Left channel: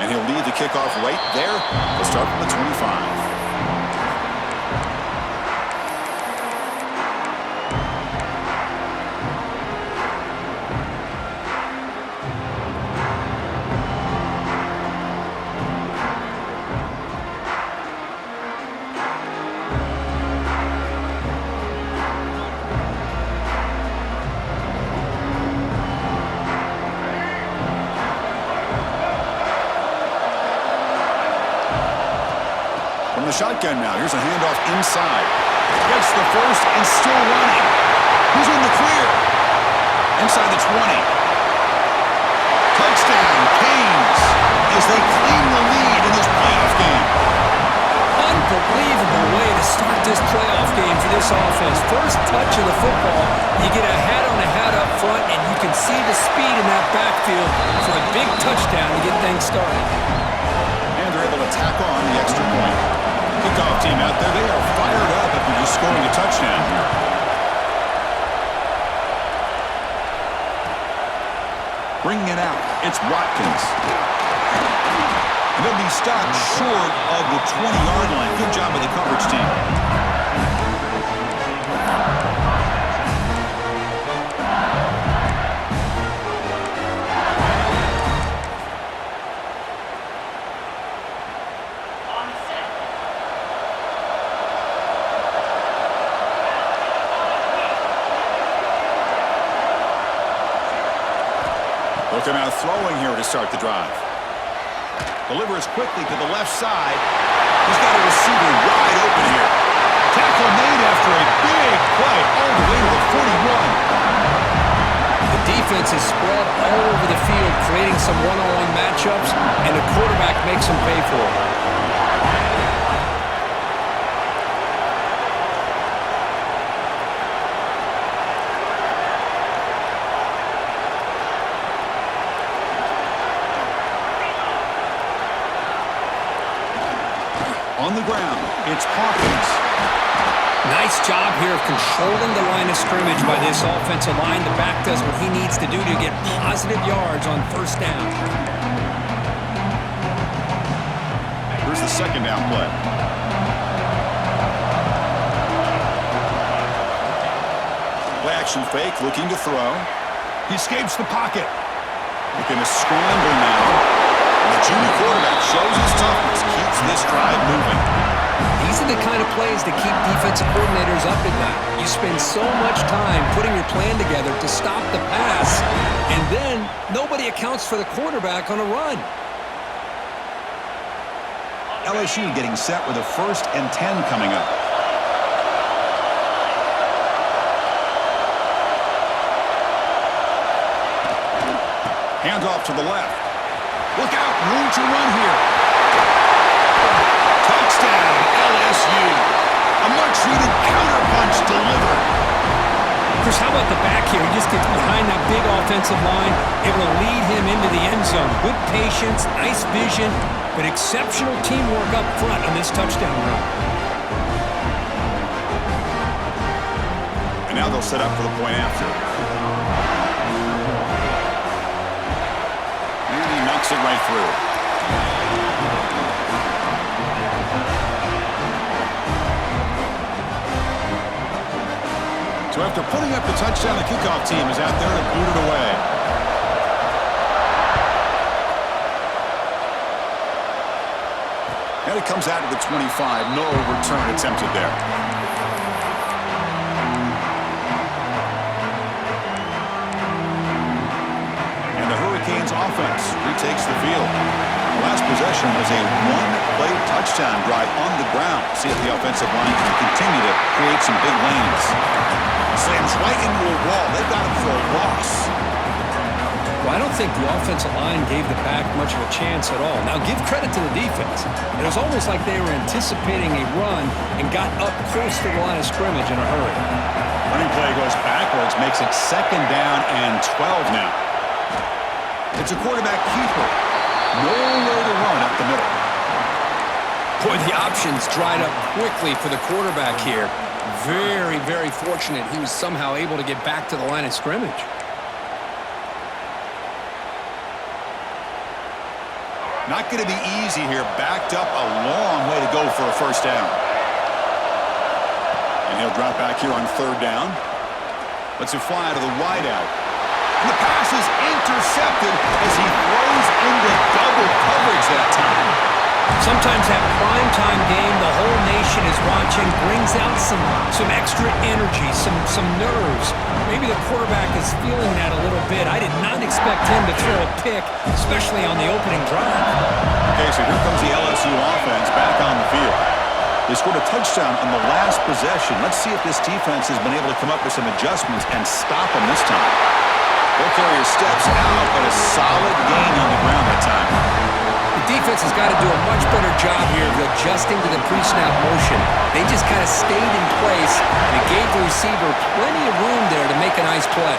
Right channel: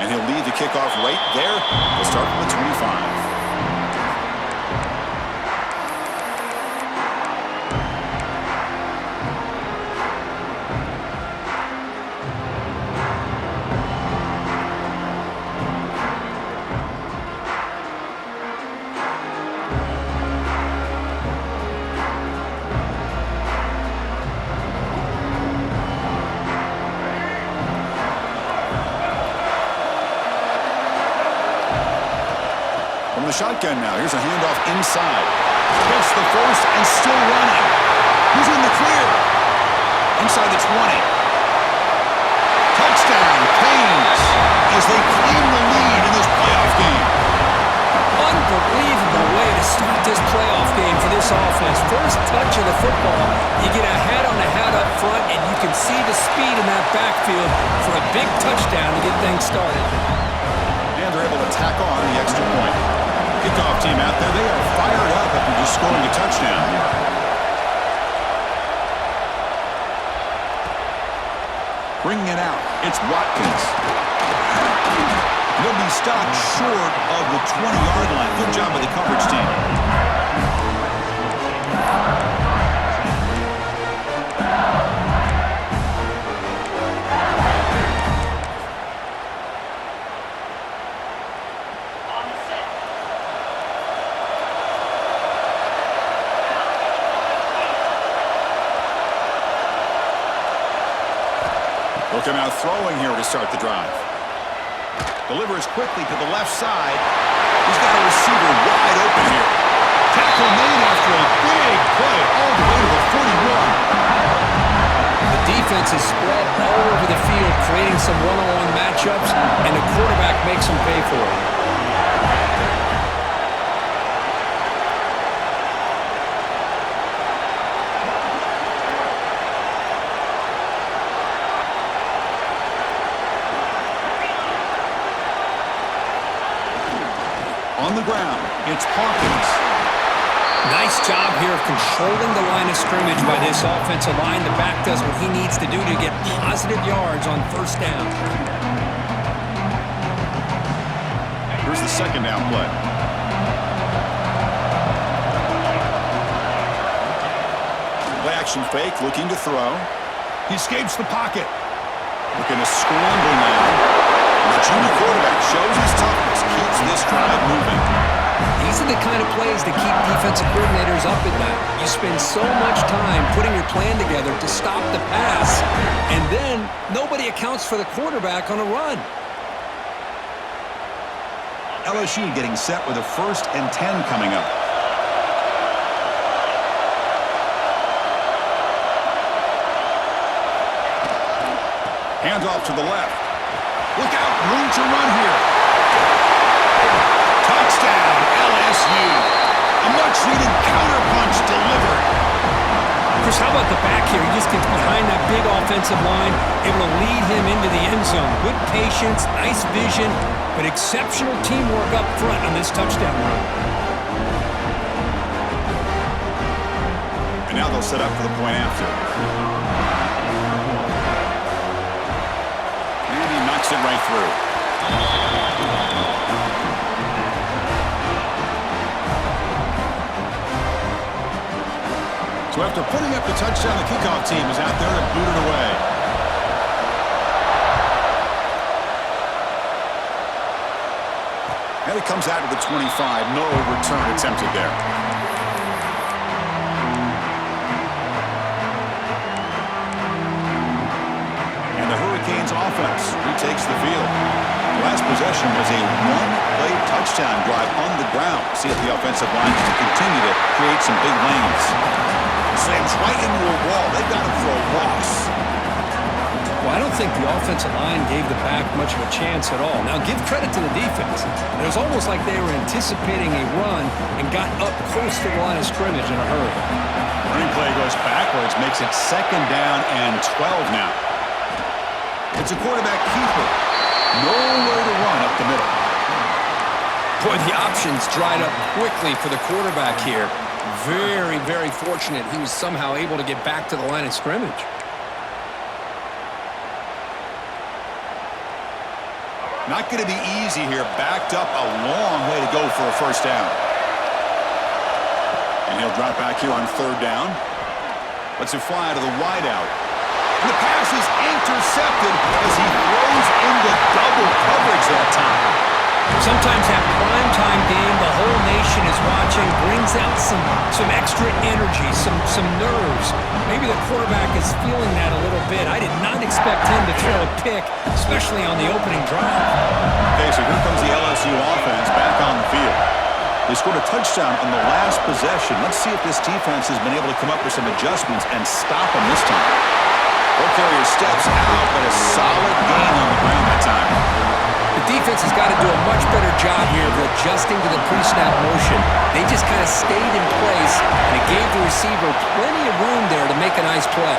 And he'll lead the kickoff right there. He'll start from the 25. From the shotgun now, here's a handoff inside. Gets the first and still running. Who's in the clear? Inside the 20. Touchdown, Canes, as they claim the lead in this playoff game. Unbelievable way to start this playoff game for this offense. First touch of the football, you get a hat-on-a-hat up front, and you can see the speed in that backfield for a big touchdown to get things started. And they're able to tack on the extra point. Kickoff team out there, they are fired up after just scoring a touchdown here. Bringing it out, it's Watkins. And they'll be stopped short of the 20-yard line. Good job by the coverage team. They'll come out throwing here to start the drive. Delivers quickly to the left side. He's got a receiver wide open here. Tackle made after a big play all the way to the 41. The defense is spread all over the field, creating some one-on-one matchups, and the quarterback makes them pay for it. On the ground, it's Hawkins. Nice job here of controlling the line of scrimmage by this offensive line. The back does what he needs to do to get positive yards on first down. Here's the second down play. Play action fake, looking to throw. He escapes the pocket. Looking to scramble now. The junior quarterback shows his toughness, keeps this drive moving. These are the kind of plays that keep defensive coordinators up at night. You spend so much time putting your plan together to stop the pass, and then nobody accounts for the quarterback on a run. LSU getting set with a 1st and 10 coming up. Handoff to the left. Look out, room to run here. Touchdown, LSU. A much-needed counterpunch delivered. Chris, how about the back here? He just gets behind that big offensive line, able to lead him into the end zone. Good patience, nice vision, but exceptional teamwork up front on this touchdown run. And now they'll set up for the point after. Knocks it right through. So after putting up the touchdown, the kickoff team is out there to boot it away. And it comes out to the 25. No return attempted there. Offense retakes the field. The last possession was a one-play touchdown drive on the ground. See if the offensive line can continue to create some big lanes. Slams right into a wall. They've got him for a loss. Well, I don't think the offensive line gave the back much of a chance at all. Now, give credit to the defense. It was almost like they were anticipating a run and got up close to the line of scrimmage in a hurry. Running play goes backwards, makes it 2nd down and 12 now. It's a quarterback keeper. Nowhere to run up the middle. Boy, the options dried up quickly for the quarterback here. Very, very fortunate he was somehow able to get back to the line of scrimmage. Not going to be easy here. Backed up a long way to go for a first down. And he'll drop back here on third down. Lets it fly to the wideout. And the pass is intercepted as he throws into double coverage that time. Sometimes that primetime game, the whole nation is watching, brings out some extra energy, some nerves. Maybe the quarterback is feeling that a little bit. I did not expect him to throw a pick, especially on the opening drive. Okay, so here comes the LSU offense back on the field. They scored a touchdown on the last possession. Let's see if this defense has been able to come up with some adjustments and stop them this time. Ball carrier steps out, but a solid gain on the ground that time. The defense has got to do a much better job here of adjusting to the pre-snap motion. They just kind of stayed in place, and it gave the receiver plenty of room there to make a nice play.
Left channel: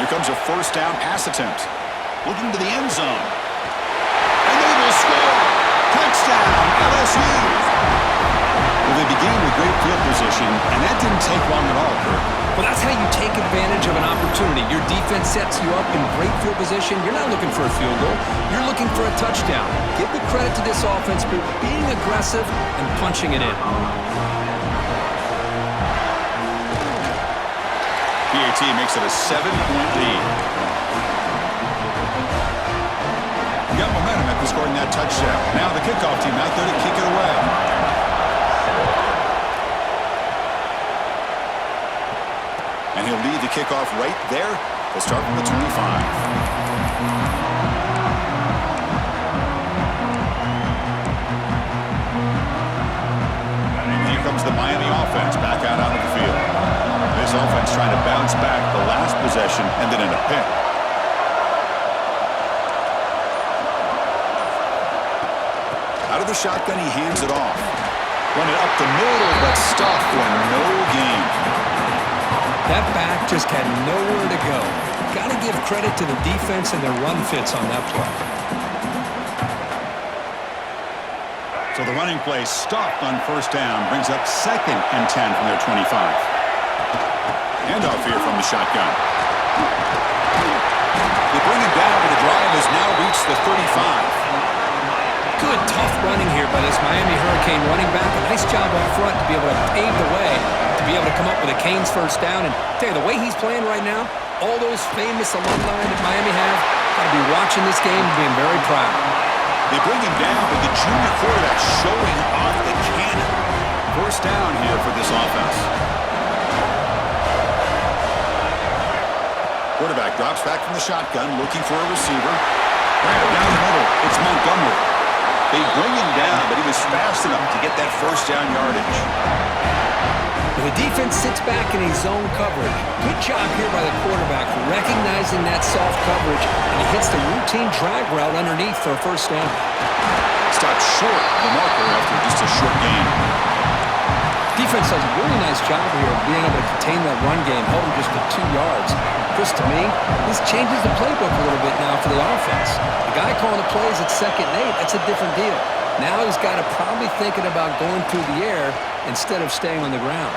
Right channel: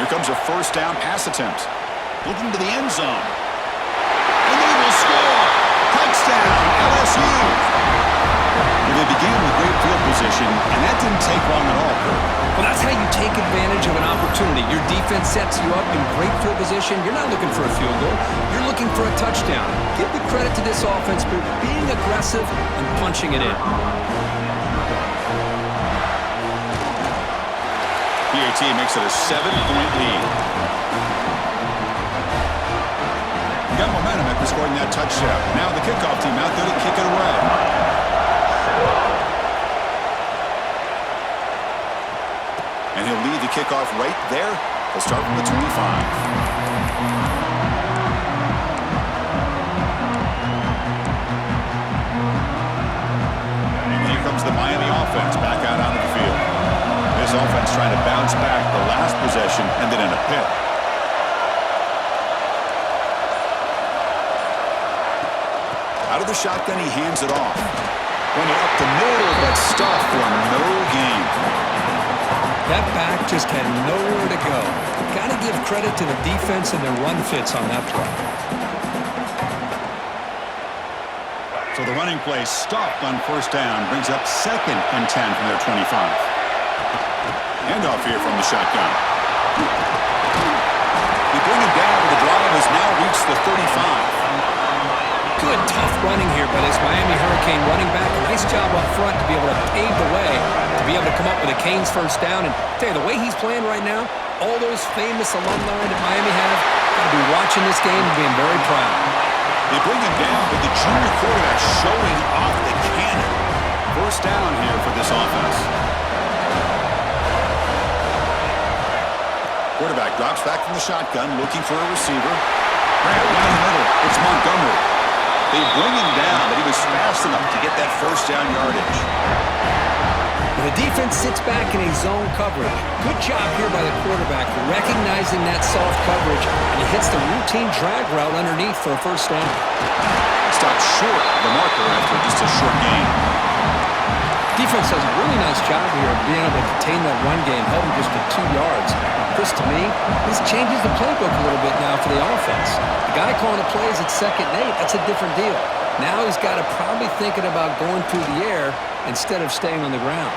Here comes a first down pass attempt. Looking to the end zone. And they will score! Touchdown, LSU! Well, they began with great field position, and that didn't take long at all, Kurt. Well, that's how you take advantage of an opportunity. Your defense sets you up in great field position. You're not looking for a field goal. You're looking for a touchdown. Give the credit to this offense for being aggressive and punching it in. PAT makes it a 7-point lead. Got momentum after scoring that touchdown. Now the kickoff team out there to kick it away. And he'll lead the kickoff right there. They'll start from the 25. And here comes the Miami offense back out onto the field. This offense trying to bounce back the last possession and then in a pick. Out of the shotgun, he hands it off. Run it up the middle, but stuffed for no gain. That back just had nowhere to go. Got to give credit to the defense and their run fits on that play. So the running play stopped on first down, brings up 2nd and 10 from their 25. Handoff here from the shotgun. They bring him down, but the drive has now reached the 35. Good, tough running here by this Miami Hurricane running back. A nice job up front to be able to pave the way, to be able to come up with a Canes first down. And tell you, the way he's playing right now, all those famous alumni that Miami have, got to be watching this game and being very proud. They bring him down, but the junior quarterback showing off the cannon. First down here for this offense. Quarterback drops back from the shotgun, looking for a receiver. Grab down the middle. It's Montgomery. They bring him down, but he was fast enough to get that first down yardage. The defense sits back in a zone coverage. Good job here by the quarterback, recognizing that soft coverage, and he hits the routine drag route underneath for a first down. Stopped short of the marker after just a short gain. Defense does a really nice job here of being able to contain that run game, held him just to 2 yards. Chris, to me, this changes the playbook a little bit now for the offense. The guy calling the plays at 2nd and 8, that's a different deal. Now he's got to probably thinking about going through the air instead of staying on the ground.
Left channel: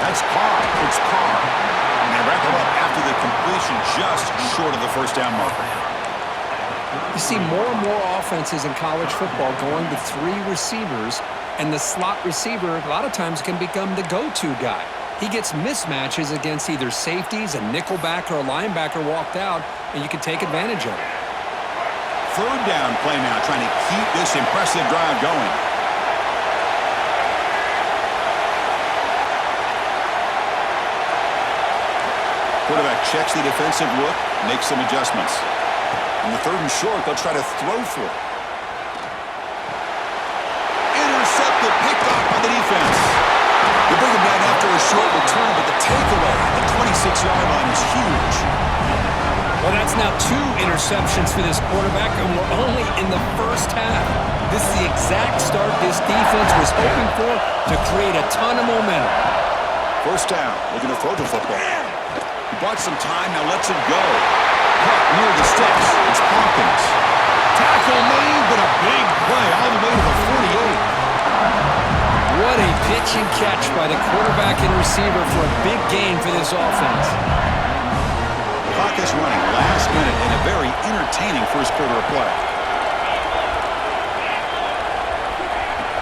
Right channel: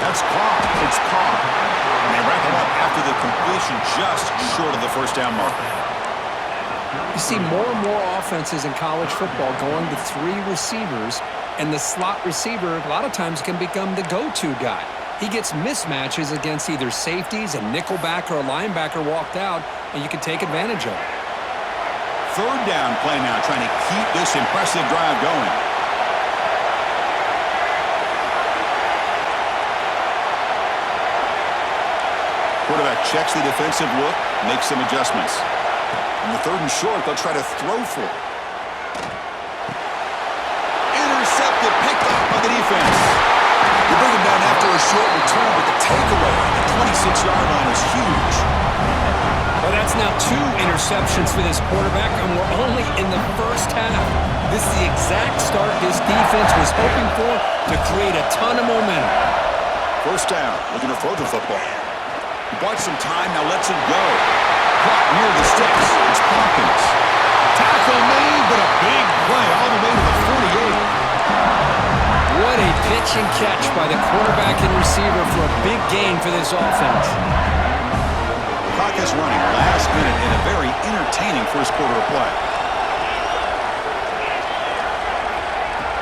That's Carr. It's Carr. And they wrap him up after the completion just short of the first down marker. You see more and more offenses in college football going to 3 receivers, and the slot receiver a lot of times can become the go-to guy. He gets mismatches against either safeties, a nickelback, or a linebacker walked out, and you can take advantage of it. Third down play now, trying to keep this impressive drive going. Quarterback checks the defensive look, makes some adjustments. On the 3rd and short, they'll try to throw for it. Intercepted, picked off by the defense. They bring him down after a short return, but the takeaway on the 26-yard line is huge. Well, that's now 2 interceptions for this quarterback, and we're only in the first half. This is the exact start this defense was hoping for to create a ton of momentum. First down, looking to throw the football. He bought some time, now lets him go. Caught near the sticks. It's Hawkins. Tackle made, but a big play all the way to the 48. What a pitch and catch by the quarterback and receiver for a big gain for this offense. Clock is running last minute in a very entertaining first quarter of play.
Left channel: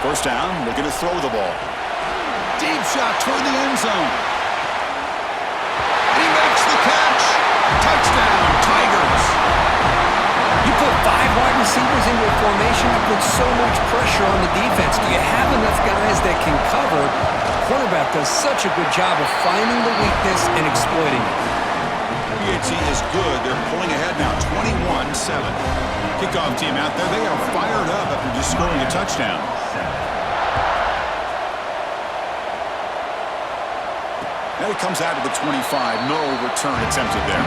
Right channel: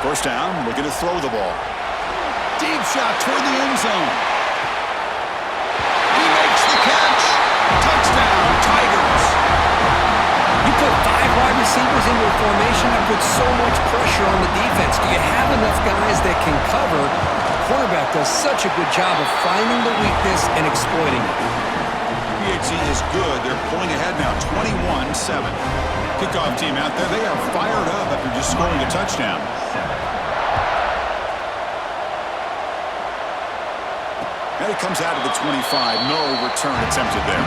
First down, looking to throw the ball. Deep shot toward the end zone. He makes the catch. Touchdown, Tigers. You put 5 wide receivers into a formation that puts so much pressure on the defense. Do you have enough guys that can cover? The quarterback does such a good job of finding the weakness and exploiting it. PHC is good. They're pulling ahead now, 21-7. Kickoff team out there. They are fired up after just scoring a touchdown. And it comes out of the 25. No return attempted there.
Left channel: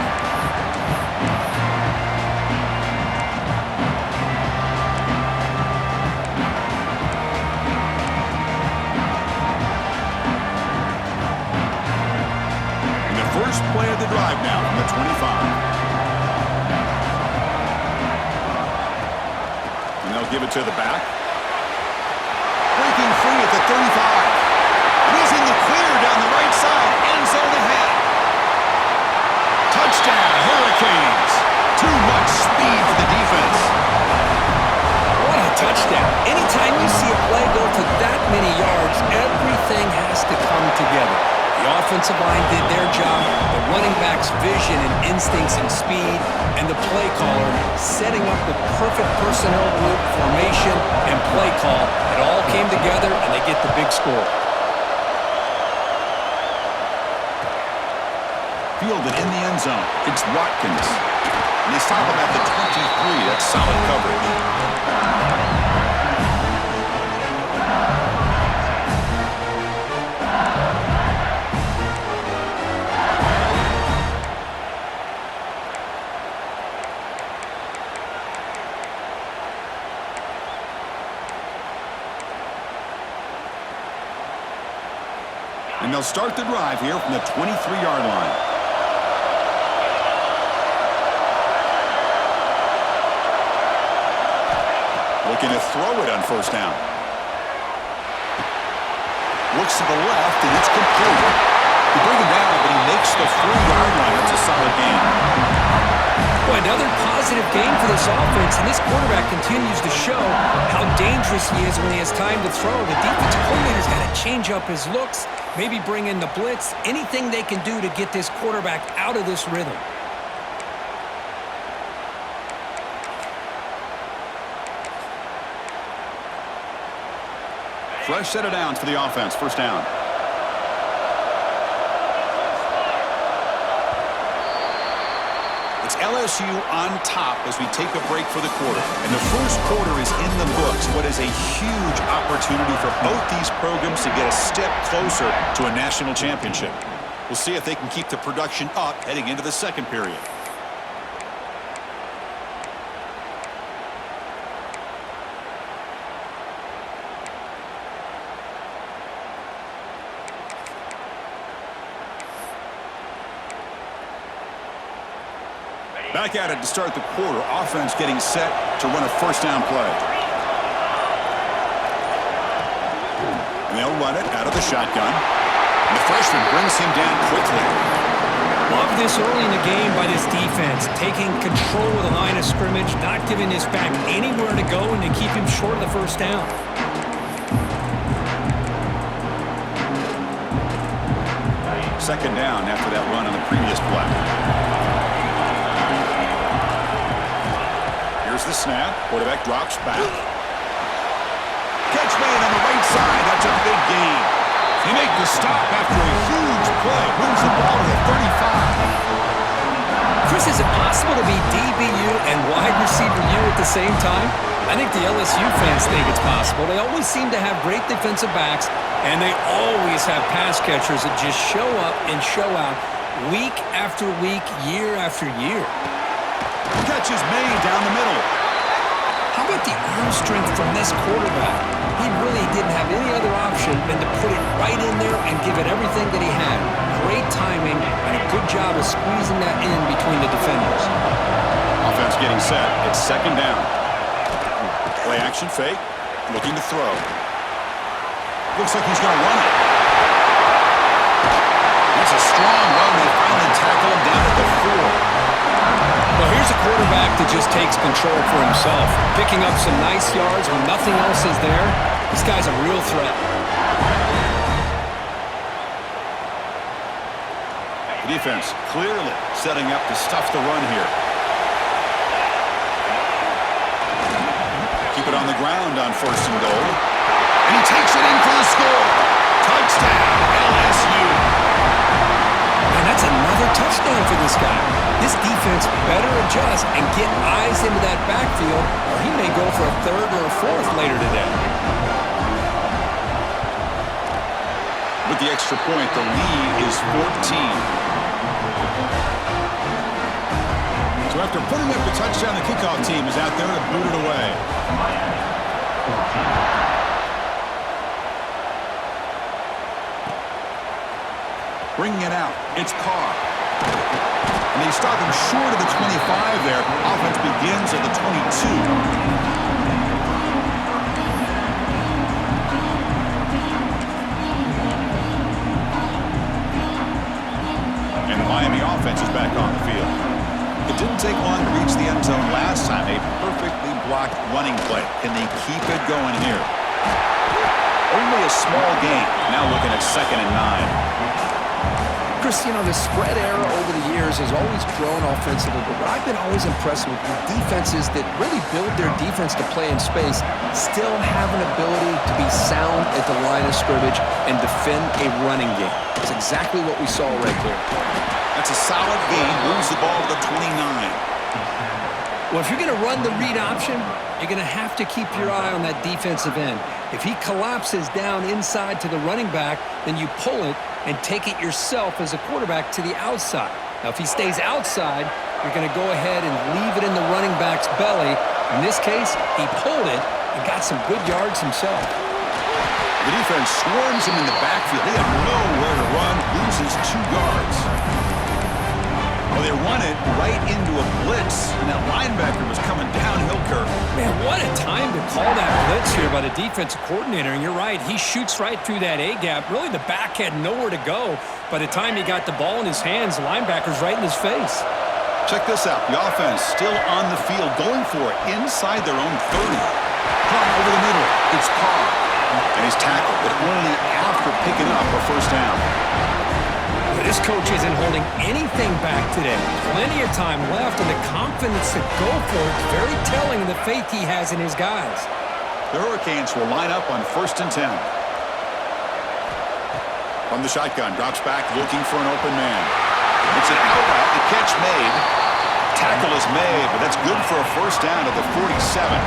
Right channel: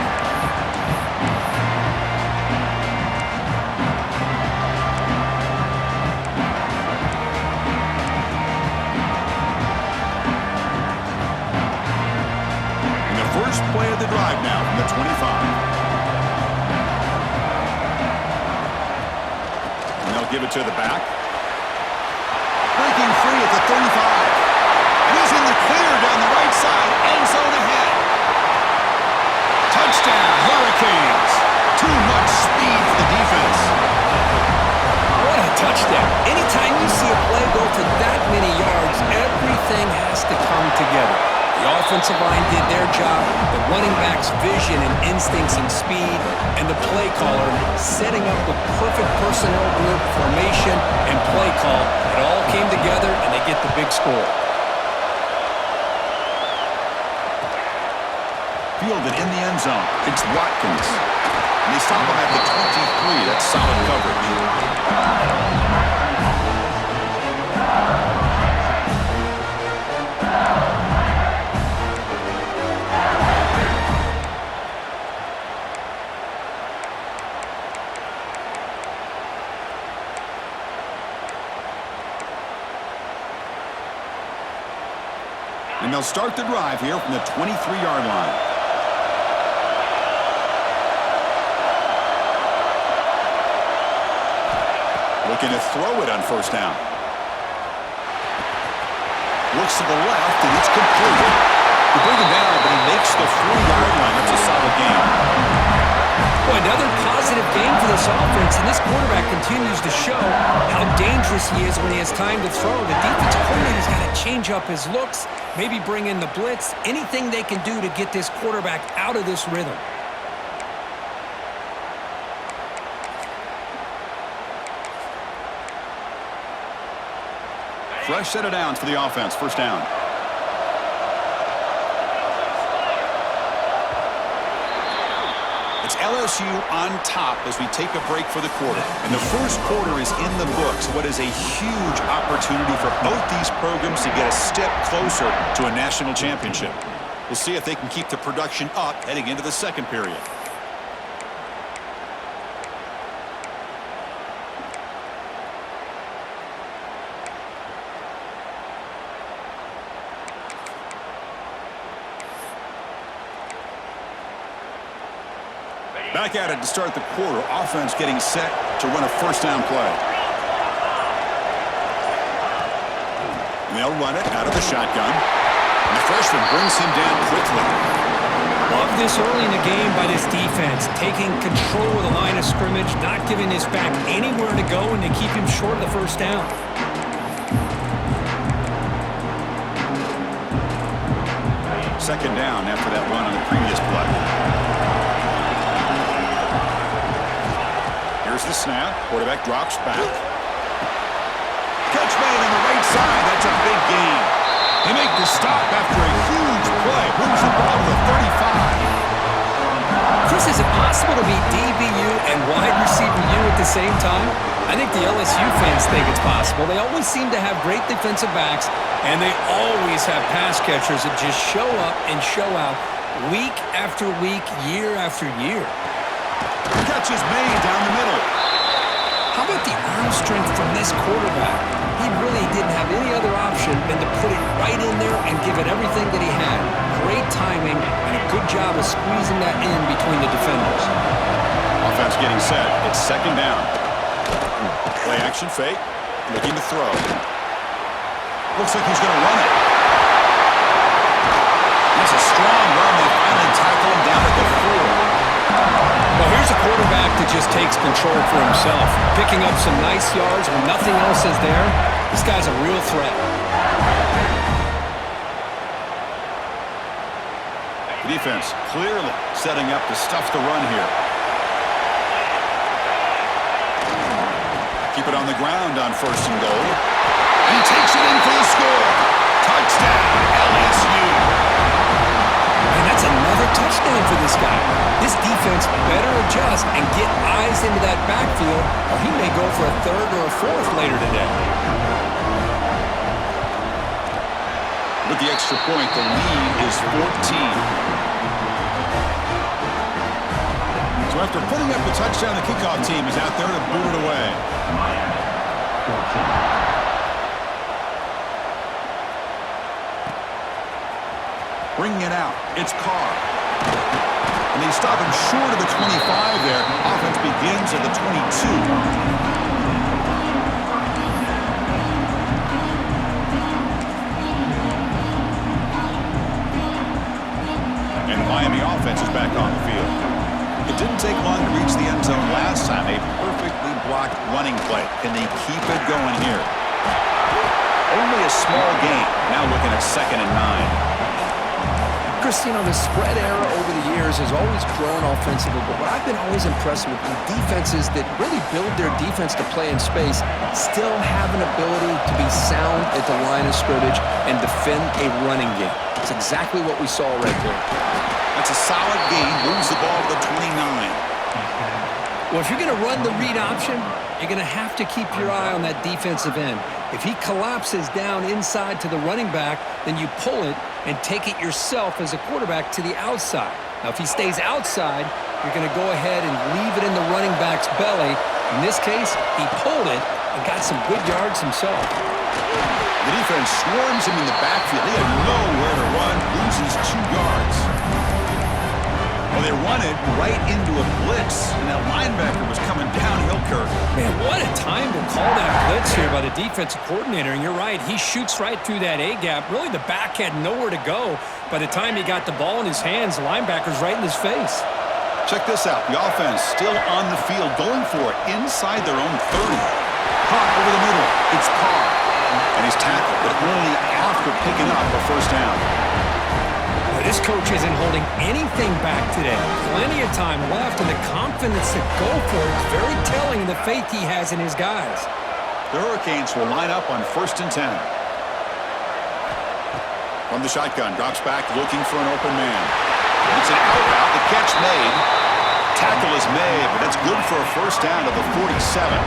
And the first play of the drive now from the 25. And they'll give it to the back. Breaking free at the 35. And he's in the clear down the right side. End zone ahead. Touchdown, Hurricanes. Too much speed for the defense. What a touchdown. Anytime you see a play go for that many yards, everything has to come together. The offensive line did their job, the running back's vision and instincts and speed, and the play caller setting up the perfect personnel group, formation, and play call. It all came together, and they get the big score. Fielded in the end zone. It's Watkins. And they stop him at the 23. That's solid coverage. And they'll start the drive here from the 23-yard line. Looking to throw it on first down. Looks to the left, and it's complete. They bring him down, but he makes the 4-yard line. That's a solid gain. Boy, another positive game for this offense, and this quarterback continues to show how dangerous he is when he has time to throw. The defensive coordinator's got to change up his looks, maybe bring in the blitz, anything they can do to get this quarterback out of this rhythm. Fresh set of downs for the offense. First down. It's LSU on top as we take a break for the quarter. And the first quarter is in the books. What is a huge opportunity for both these programs to get a step closer to a national championship. We'll see if they can keep the production up heading into the second period. Back at it to start the quarter. Offense getting set to run a first down play. And they'll run it out of the shotgun. And the freshman brings him down quickly. Love this early in the game by this defense. Taking control of the line of scrimmage, not giving this back anywhere to go, and to keep him short of the first down. Second down after that run on the previous play. Here's the snap. Quarterback drops back. Catch made on the right side. That's a big gain. They make the stop after a huge play. Moves the ball to the 35. Chris, is it possible to be DBU and wide receiver U at the same time? I think the LSU fans think it's possible. They always seem to have great defensive backs, and they always have pass catchers that just show up and show out week after week, year after year. Catch is made down the middle. How about the arm strength from this quarterback? He really didn't have any other option than to put it right in there and give it everything that he had. Great timing and a good job of squeezing that in between the defenders. Offense getting set. It's second down. Play action fake. Looking to throw. Looks like he's going to run it. That's a strong run. They finally tackle him down at the 4. Well, here's a quarterback that just takes control for himself, picking up some nice yards when nothing else is there. This guy's a real threat. The defense clearly setting up to stuff the run here. Keep it on the ground on 1st and goal. And he takes it in for the score. Touchdown, LSU. Man, that's another touchdown for this guy. This defense better adjust and get eyes into that backfield, or he may go for a 3rd or a 4th later today. With the extra point, the lead is 14. So after putting up the touchdown, the kickoff team is out there to boot it away. Bringing it out, it's Carr. And they stop him short of the 25 there. Offense begins at the 22. And the Miami offense is back on the field. It didn't take long to reach the end zone last time. A perfectly blocked running play. Can they keep it going here? Only a small gain. Now looking at 2nd and 9. Chris, you know, the spread era over the years has always grown offensively, but what I've been always impressed with defenses that really build their defense to play in space still have an ability to be sound at the line of scrimmage and defend a running game. That's exactly what we saw right there. That's a solid gain. Moves the ball to the 29. Well, if you're going to run the read option, you're going to have to keep your eye on that defensive end. If he collapses down inside to the running back, then you pull it and take it yourself as a quarterback to the outside. Now, if he stays outside, you're going to go ahead and leave it in the running back's belly. In this case, he pulled it and got some good yards himself. The defense swarms him in the backfield. He had nowhere to run, loses 2 yards. Well, they run it right into a blitz, and that linebacker was coming downhill, Kirk. Man, what a time to call that blitz here by the defensive coordinator. And you're right, he shoots right through that A-gap. Really, the back had nowhere to go. By the time he got the ball in his hands, the linebacker's right in his face. Check this out. The offense still on the field, going for it inside their own 30. Caught over the middle. It's Carr. And he's tackled, but only after picking up a 1st down. But this coach isn't holding anything back today. Plenty of time left, and the confidence to go for it is very telling in the faith he has in his guys. The Hurricanes will line up on 1st and 10. From the shotgun, drops back looking for an open man. It's an out route, the catch made. Tackle is made, but that's good for a 1st down to the 47.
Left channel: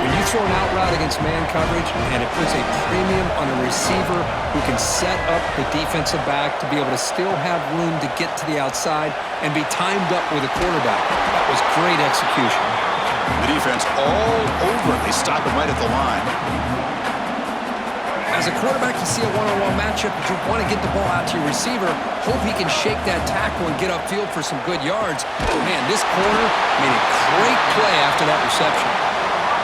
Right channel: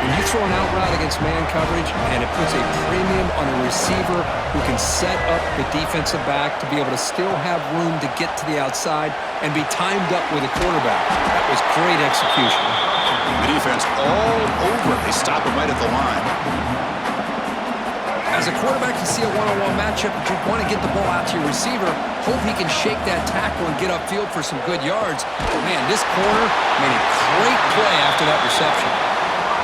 When you throw an out route against man coverage, and it puts a premium on a receiver who can set up the defensive back to be able to still have room to get to the outside and be timed up with a quarterback. That was great execution. The defense all over it. They stop him right at the line. As a quarterback, you see a one-on-one matchup, but you want to get the ball out to your receiver, hope he can shake that tackle and get upfield for some good yards. Man, this corner made a great play after that reception.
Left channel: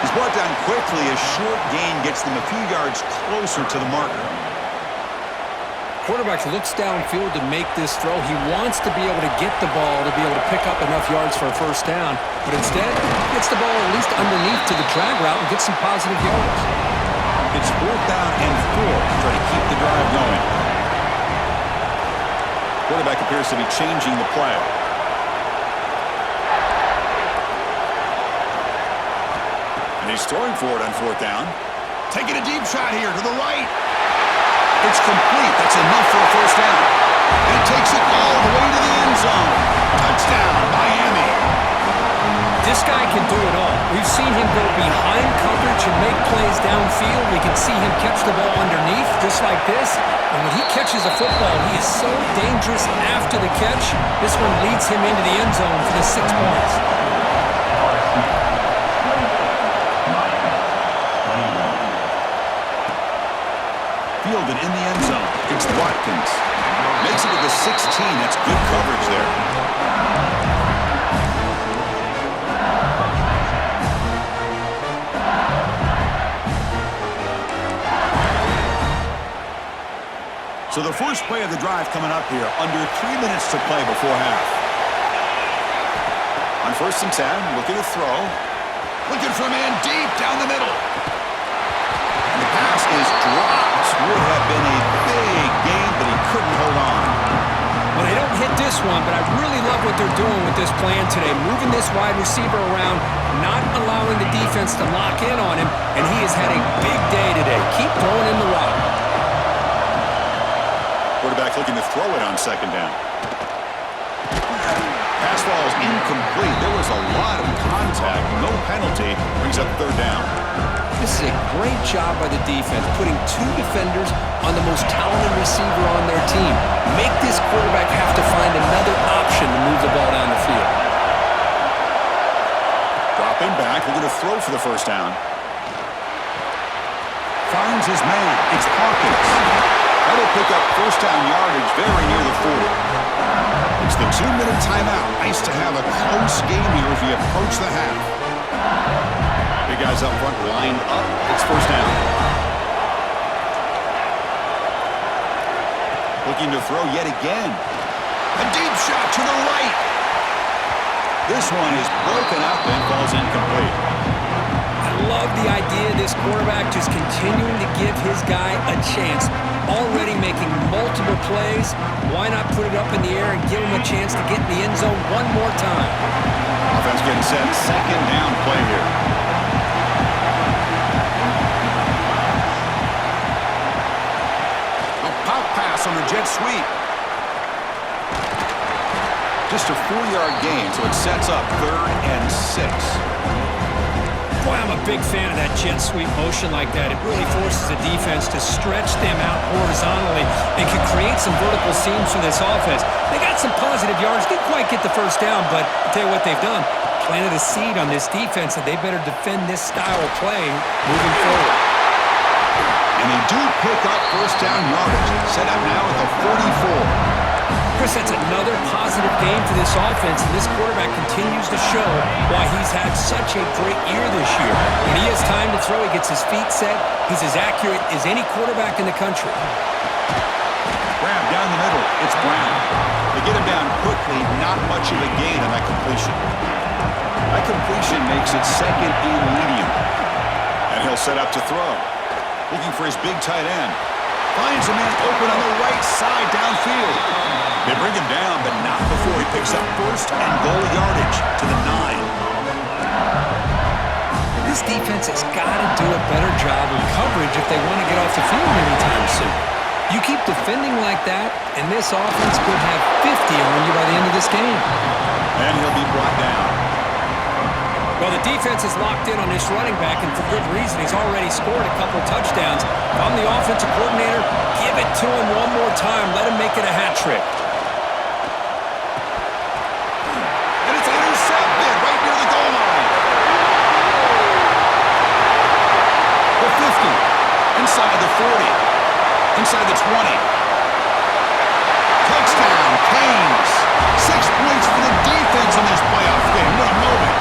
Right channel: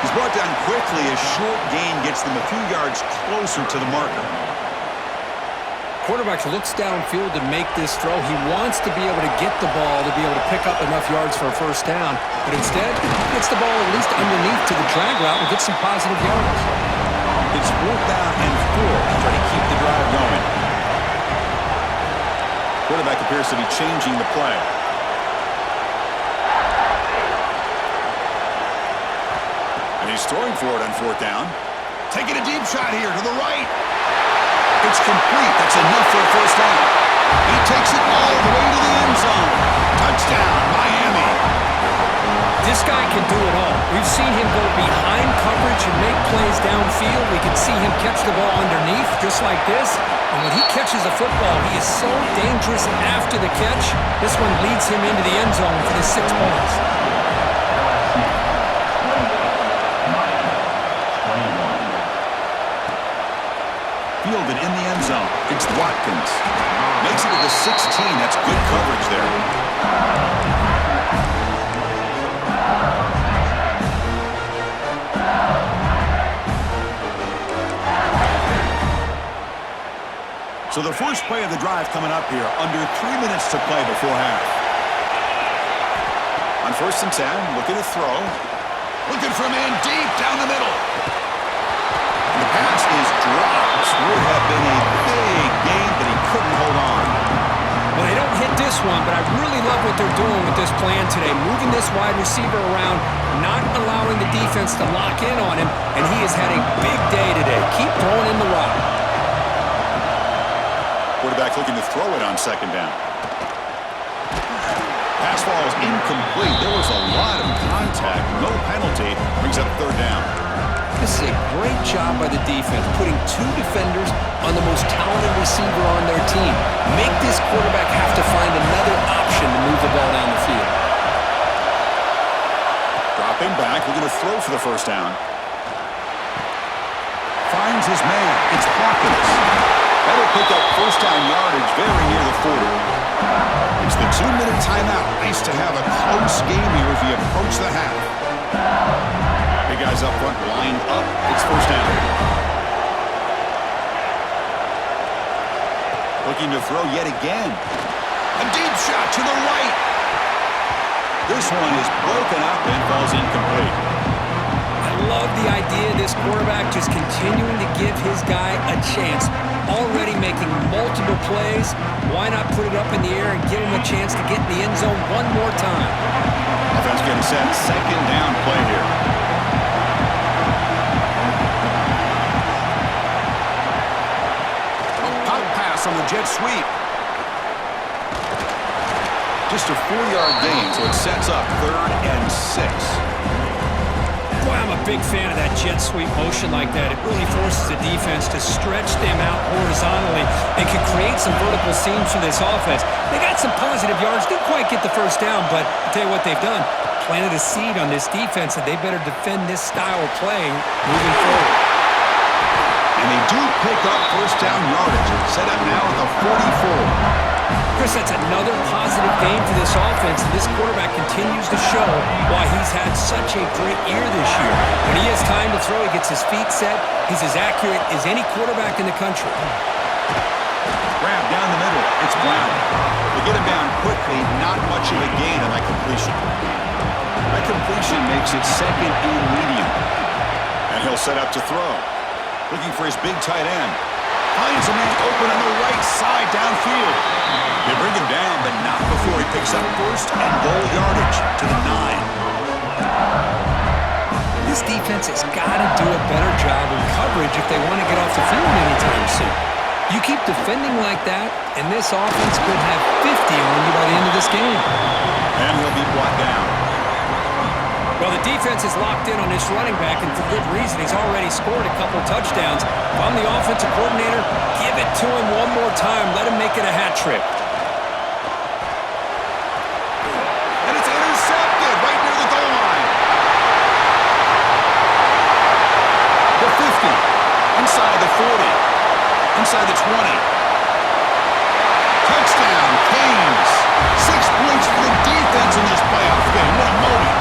He's brought down quickly. A short gain gets them a few yards closer to the marker. Quarterback looks downfield to make this throw. He wants to be able to get the ball to be able to pick up enough yards for a 1st down, but instead, he gets the ball at least underneath to the drag route and gets some positive yards. It's 4th down and 4 to try to keep the drive going. Quarterback appears to be changing the play. And he's throwing for it on 4th down. Taking a deep shot here to the right. It's complete. That's enough for a 1st down. And he takes it all the way to the end zone. Touchdown, Miami. This guy can do it all. We've seen him go behind coverage and make plays downfield. We can see him catch the ball underneath, just like this. And when he catches a football, he is so dangerous after the catch. This one leads him into the end zone for the 6 points. Fielded in the end zone. It's Watkins. Makes it to the 16. That's good coverage there. So the first play of the drive coming up here, under 3 minutes to play before half. On 1st and 10, looking to throw. Looking for a man deep down the middle. And the pass is dropped. Would have been a big gain, but he couldn't hold on. Well, they don't hit this one, but I really love what they're doing with this plan today. Moving this wide receiver around, not allowing the defense to lock in on him, and he has had a big day today. Keep throwing in the rock. Quarterback looking to throw it on 2nd down. Pass ball is incomplete. There was a lot of contact. No penalty. Brings up 3rd down. This is a great job by the defense, putting 2 defenders on the most talented receiver on their team. Make this quarterback have to find another option to move the ball down the field. Dropping back, looking to throw for the 1st down. Finds his man. It's Hawkins. That'll pick up 1st down yardage very near the 40. It's the 2-minute timeout. Nice to have a close game here as we approach the half. Big guys up front lined up. It's 1st down. Looking to throw yet again. A deep shot to the right. This one is broken up and falls incomplete. I love the idea of this quarterback just continuing to give his guy a chance. Already making multiple plays. Why not put it up in the air and give him a chance to get in the end zone one more time? Offense getting set. 2nd down play here. On the jet sweep. Just a 4-yard gain, so it sets up 3rd and 6. Boy, I'm a big fan of that jet sweep motion like that. It really forces the defense to stretch them out horizontally and can create some vertical seams for this offense. They got some positive yards. Didn't quite get the 1st down, but I'll tell you what they've done. Planted a seed on this defense that they better defend this style of play moving forward. And they do pick up 1st down yardage. Set up now at the 44. Chris, that's another positive game for this offense, and this quarterback continues to show why he's had such a great year this year. When he has time to throw, he gets his feet set. He's as accurate as any quarterback in the country. Grab down the middle. It's Brown. They get him down quickly. Not much of a gain on that completion. That completion makes it 2nd and medium. And he'll set up to throw. Looking for his big tight end. Finds a man open on the right side downfield. They bring him down, but not before he picks up 1st and goal yardage to the 9. This defense has got to do a better job in coverage if they want to get off the field anytime soon. You keep defending like that, and this offense could have 50 on you by the end of this game. And he'll be brought down. Well, the defense is locked in on this running back, and for good reason. He's already scored a couple touchdowns. If I'm the offensive coordinator, give it to him one more time. Let him make it a hat trick. And it's intercepted right near the goal line. The 50. Inside the 40. Inside the 20. Touchdown, Canes. 6 points for the defense in this playoff game. What a moment.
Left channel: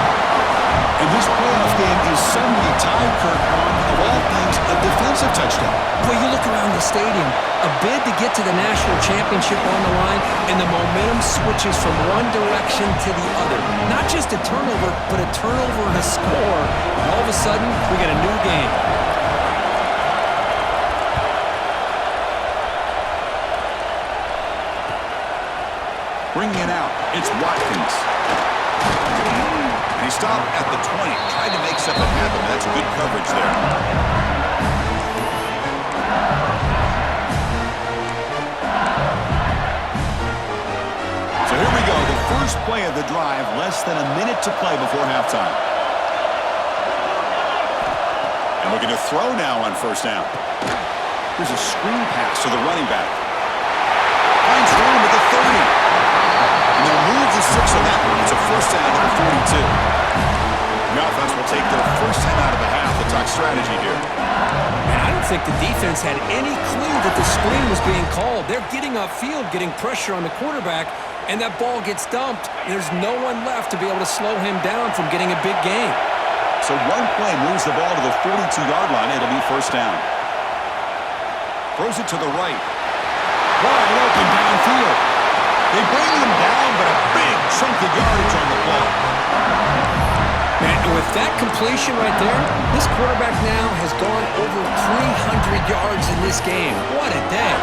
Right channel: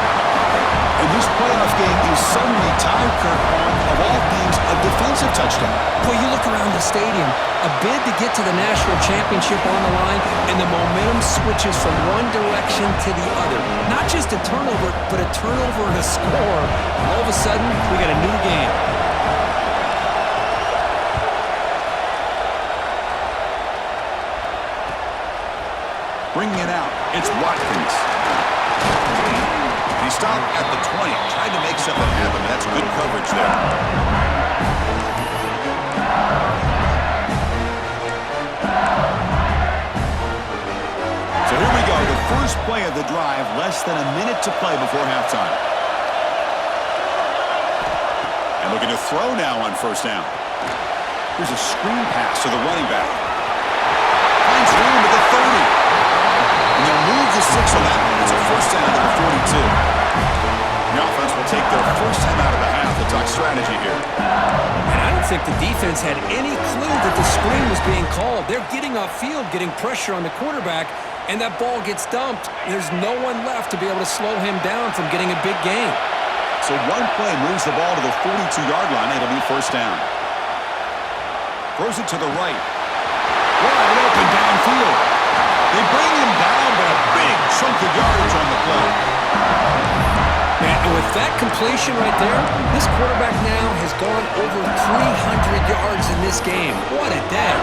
And this playoff game is suddenly tied, Kirk, on, of all things, a defensive touchdown. Boy, you look around the stadium, a bid to get to the national championship on the line, and the momentum switches from one direction to the other. Not just a turnover, but a turnover and a score. And all of a sudden, we got a new game. Bringing it out, it's Watkins. He stopped at the 20, tried to make something happen. That's good coverage there. So here we go, the first play of the drive, less than a minute to play before halftime. And looking to throw now on 1st down. Here's a screen pass to the running back. Finds room at the 30. And they'll move the 6 on that one. It's a 1st down to the 42. The offense will take their first time out of the half to talk strategy here. And I don't think the defense had any clue that the screen was being called. They're getting upfield, getting pressure on the quarterback, and that ball gets dumped. There's no one left to be able to slow him down from getting a big gain. So one play moves the ball to the 42-yard line. It'll be 1st down. Throws it to the right. Wide open downfield. They bring him down, but a big chunk of yardage on the play. Man, and with that completion right there, this quarterback now has gone over 300 yards in this game. What a day.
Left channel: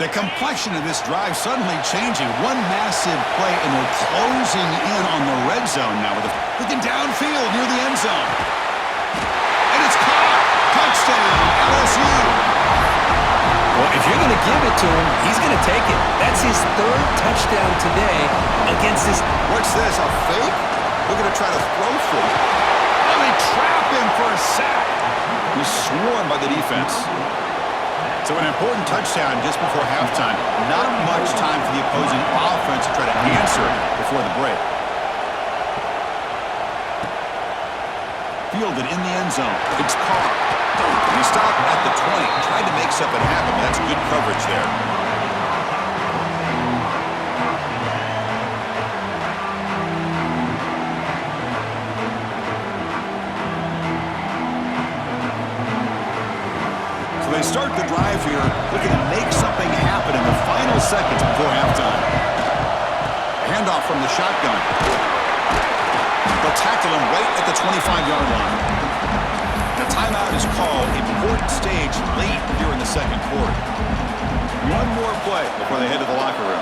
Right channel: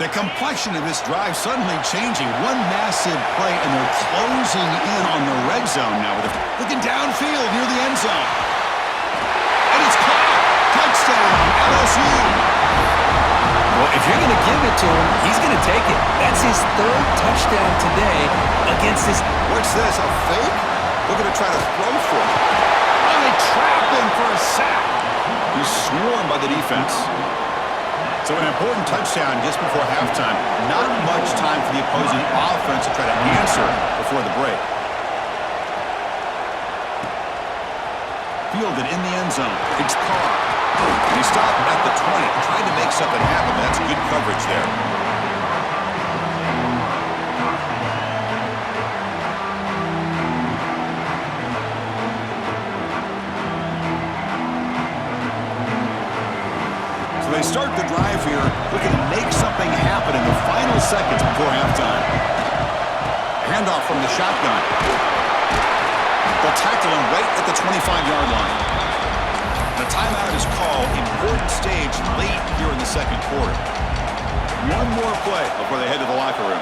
The complexion of this drive suddenly changing. One massive play, and they're closing in on the red zone now. Looking downfield near the end zone. And it's caught. Touchdown, LSU. Well, if you're going to give it to him, he's going to take it. That's his third touchdown today against this. What's this, a fake? We're going to try to throw for it. Oh, they trap him for a sack. He's swarmed by the defense. So an important touchdown just before halftime. Not much time for the opposing offense to try to answer before the break. Fielded in the end zone. It's Carr. And he stopped at the 20. Tried to make something happen, but that's good coverage there. So they start the drive here, looking to make something happen in the final seconds before halftime. Handoff from the shotgun. They'll tackle him right at the 25-yard line. The timeout is called. Important stage late here in the second quarter. One more play before they head to the locker room.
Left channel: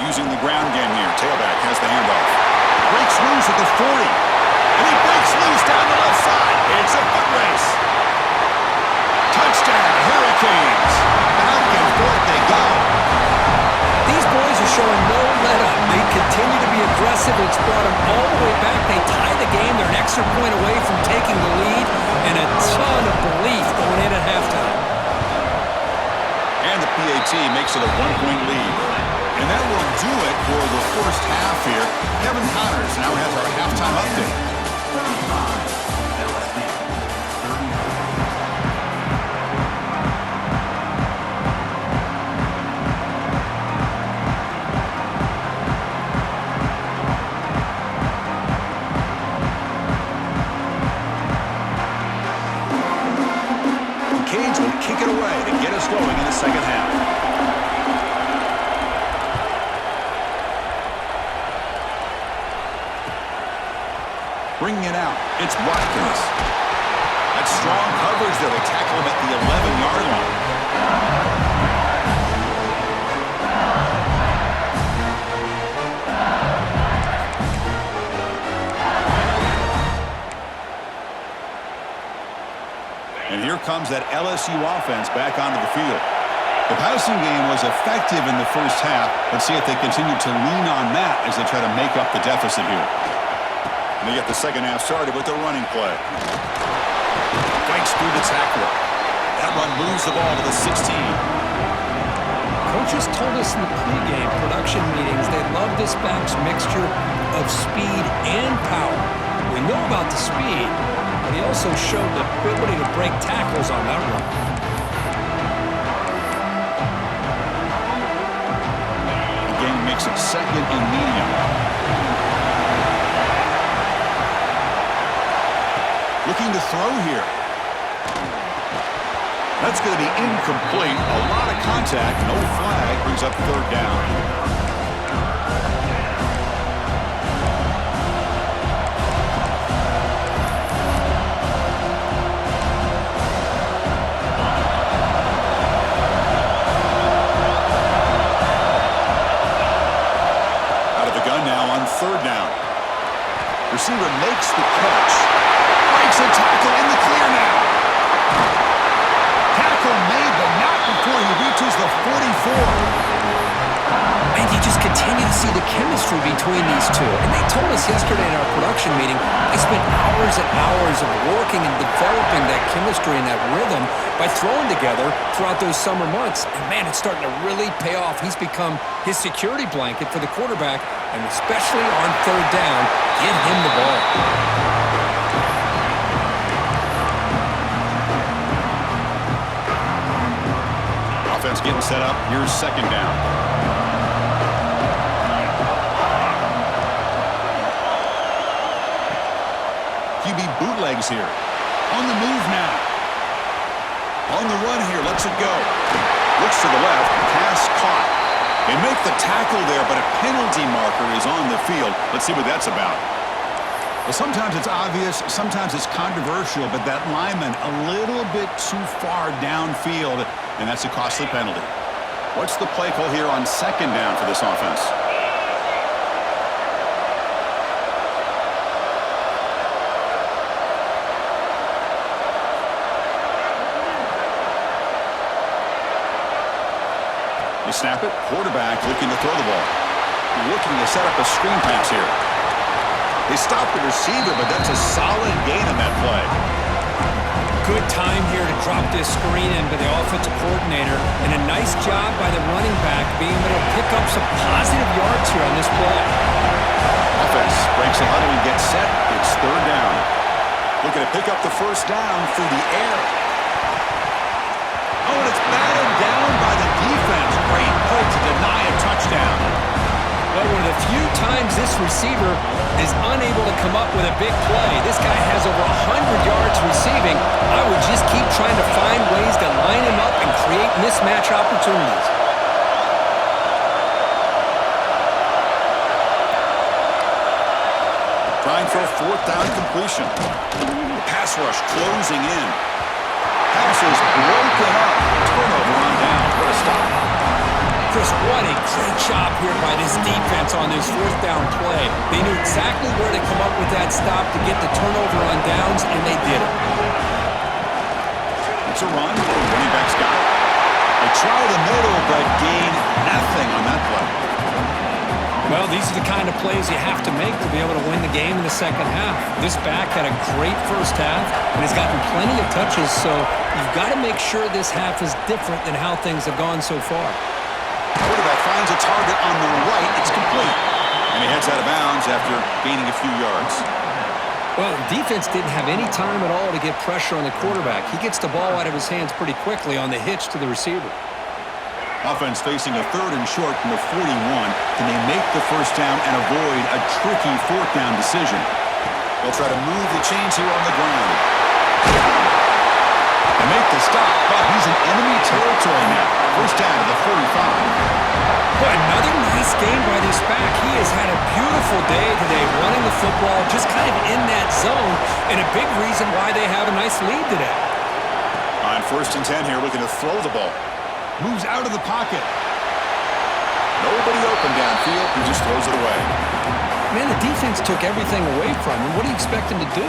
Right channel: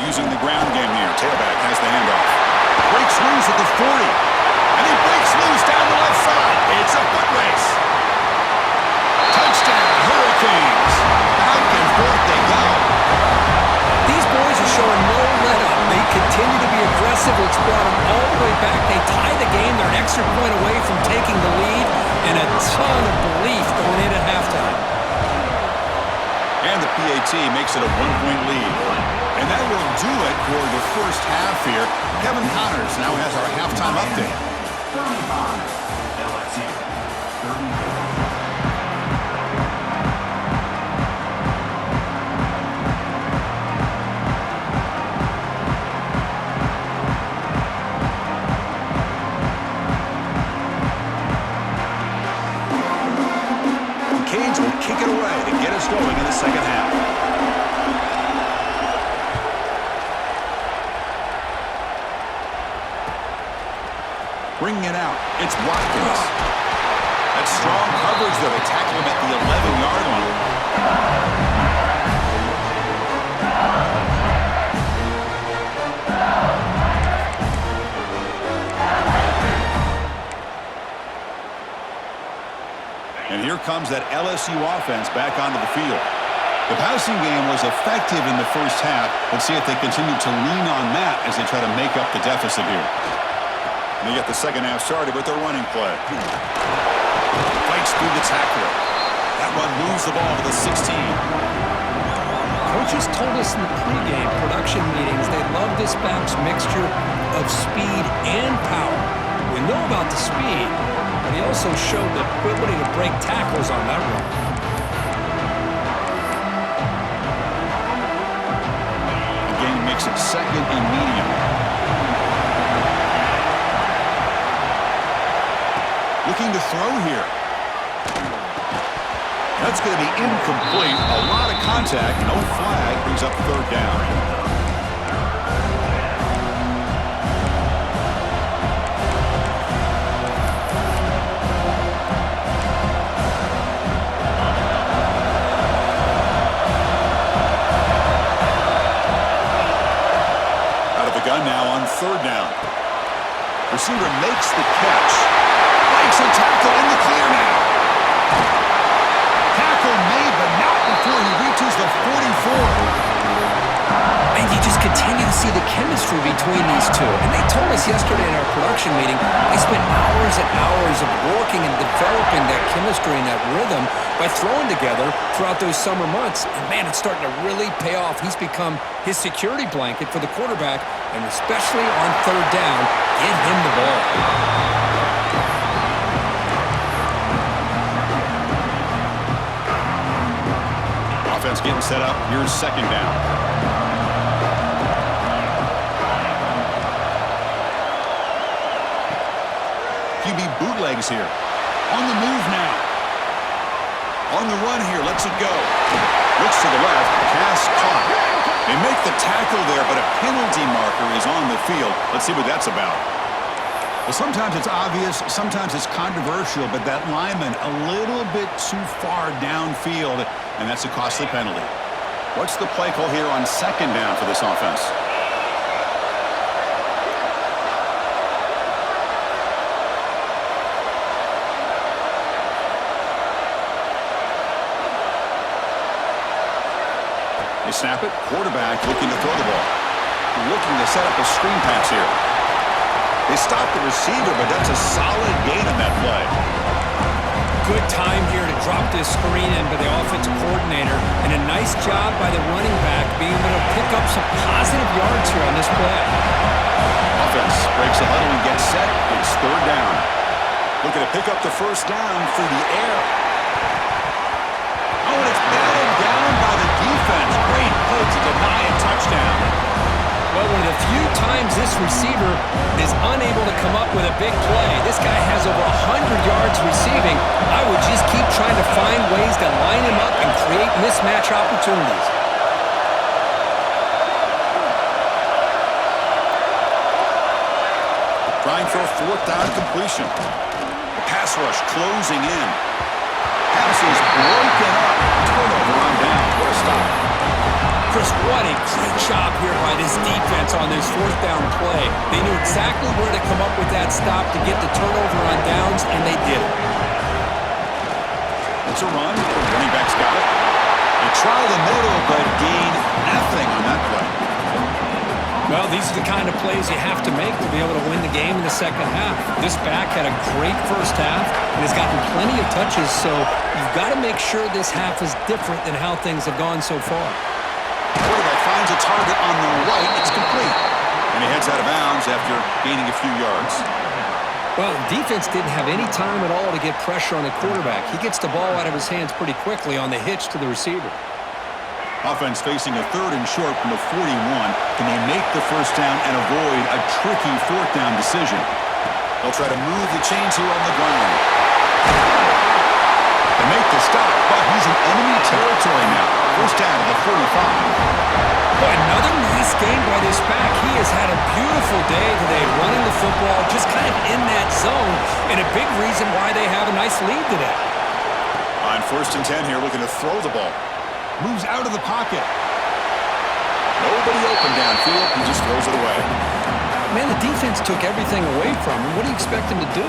Using the ground game here. Tailback has the handoff. Breaks loose at the 40. And he breaks loose down the left side. It's a foot race. Touchdown, Hurricanes. Back and forth they go. These boys are showing no let-up. They continue to be aggressive. It's brought them all the way back. They tie the game. They're an extra point away from taking the lead, and a ton of belief going in at halftime. And the PAT makes it a one-point lead. And that will do it for the first half here. Kevin Connors now has our halftime update. 35, LSU, 30. Kick it away to get us going in the second half. Bringing it out, it's Watkins. That's strong coverage there. They tackle him at the 11-yard line. And here comes that LSU offense back onto the field. The passing game was effective in the first half. Let's see if they continue to lean on that as they try to make up the deficit here. And they get the second half started with their running play. Fights through the tackler. That run moves the ball to the 16. Coaches told us in the pregame production meetings they love this back's mixture of speed and power. We know about the speed, but he also showed the ability to break tackles on that run. Again, makes it second and medium. Looking to throw here. That's going to be incomplete. A lot of contact, no flag, brings up third down. Gun now on third down. Receiver makes the catch. Breaks a tackle in the clear now. Tackle made, but not before he reaches the 44. And you just continue to see the chemistry between these two. And they told us yesterday in our production meeting, they spent hours and hours of working and developing that chemistry and that rhythm by throwing together throughout those summer months. And man, it's starting to really pay off. He's become his security blanket for the quarterback, and especially on third down, get him the ball. Offense getting set up. Here's second down. QB boot bootlegs here. On the move now. On the run here, lets it go. Looks to the left, pass caught. They make the tackle there, but a penalty marker is on the field. Let's see what that's about. Well, sometimes it's obvious, sometimes it's controversial, but that lineman a little bit too far downfield, and that's a costly penalty. What's the play call here on second down for this offense? They snap it. Quarterback looking to throw the ball. Looking to set up a screen pass here. They stop the receiver, but that's a solid gain on that play. Good time here to drop this screen in by the offensive coordinator, and a nice job by the running back being able to pick up some positive yards here on this play. Offense breaks the huddle and gets set. It's third down. Looking to pick up the first down through the air. Oh, and it's batted down by the defense. Great play to deny a touchdown. Well, one of the few times this receiver is unable to come up with a big play. This guy has over 100 yards receiving. I would just keep trying to find ways to line him up and create mismatch opportunities. Trying for a fourth down completion. The pass rush closing in. Pass is broken up. Turnover on downs. What a stop. Chris, what a great job here by this defense on this fourth down play. They knew exactly where to come up with that stop to get the turnover on downs, and they did it. It's a run. Running back's got it. They try the middle, but gain nothing on that play. Well, these are the kind of plays you have to make to be able to win the game in the second half. This back had a great first half and has gotten plenty of touches, so you've got to make sure this half is different than how things have gone so far. Quarterback finds a target on the right. It's complete. And he heads out of bounds after gaining a few yards. Well, defense didn't have any time at all to get pressure on the quarterback. He gets the ball out of his hands pretty quickly on the hitch to the receiver. Offense facing a third and short from the 41. Can they make the first down and avoid a tricky fourth down decision? They'll try to move the chains here on the ground. They make the stop, but he's in enemy territory now. First down to the 45. Boy, another nice game by this back. He has had a beautiful day today running the football, just kind of in that zone, and a big reason why they have a nice lead today. On first and 10 here, looking to throw the ball. Moves out of the pocket. Nobody open downfield. He just throws it away. Man, the defense took everything away from him. What do you expect him to do?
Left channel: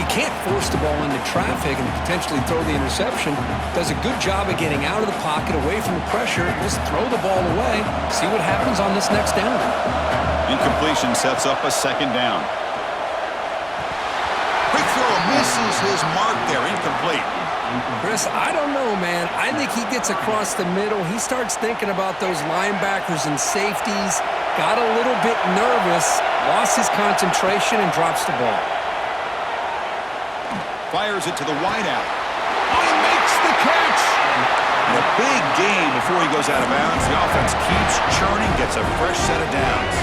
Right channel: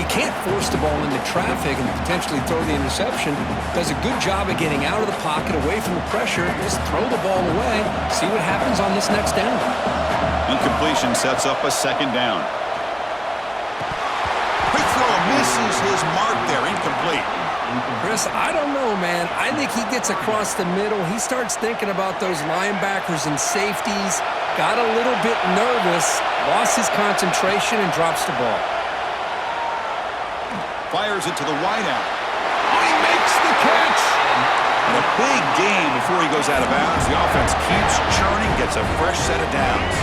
He can't force the ball into traffic and potentially throw the interception. Does a good job of getting out of the pocket, away from the pressure. Just throw the ball away. See what happens on this next down. Incompletion sets up a second down. Quick throw misses his mark there. Incomplete. Chris, I don't know, man. I think he gets across the middle. He starts thinking about those linebackers and safeties. Got a little bit nervous, lost his concentration, and drops the ball. Fires it to the wideout. Oh, he makes the catch! And a big gain before he goes out of bounds. The offense keeps churning, gets a fresh set of downs.